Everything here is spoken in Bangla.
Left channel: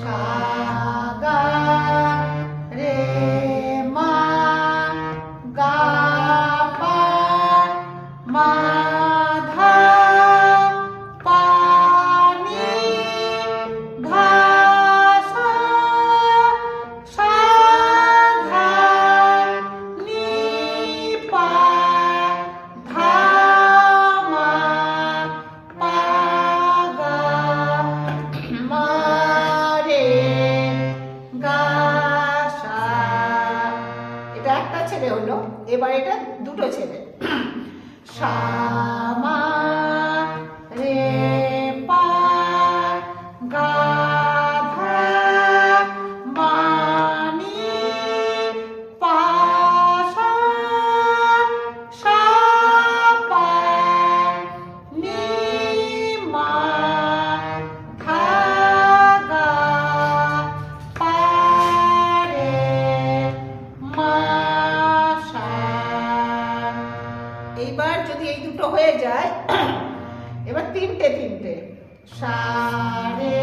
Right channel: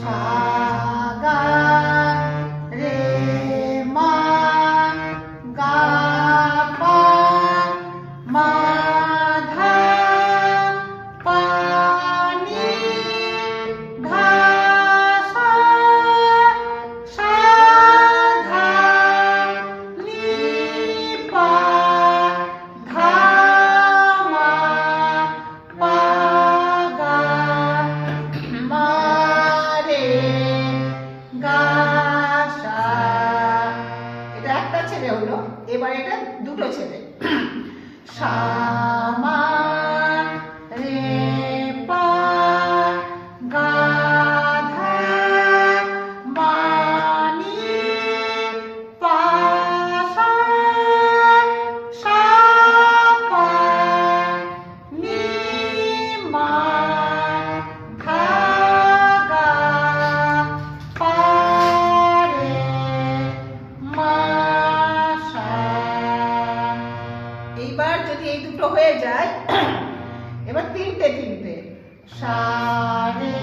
সা গা রে মা গা পা মা ধা পা নি ধা সা সা ধা নি পা ধা মা পা গা মা রে গা সা। এটা একটা ছেলে হলো, এবার এটা দুটো ছেলে। সা মা রে পা গা ধা মা নি পা সা সা পা নি মা ধা গা পা রে মা সা। এইবার যদি এই দুটো হয়ে যায়, এবার তিনটে তিনটে। সা রে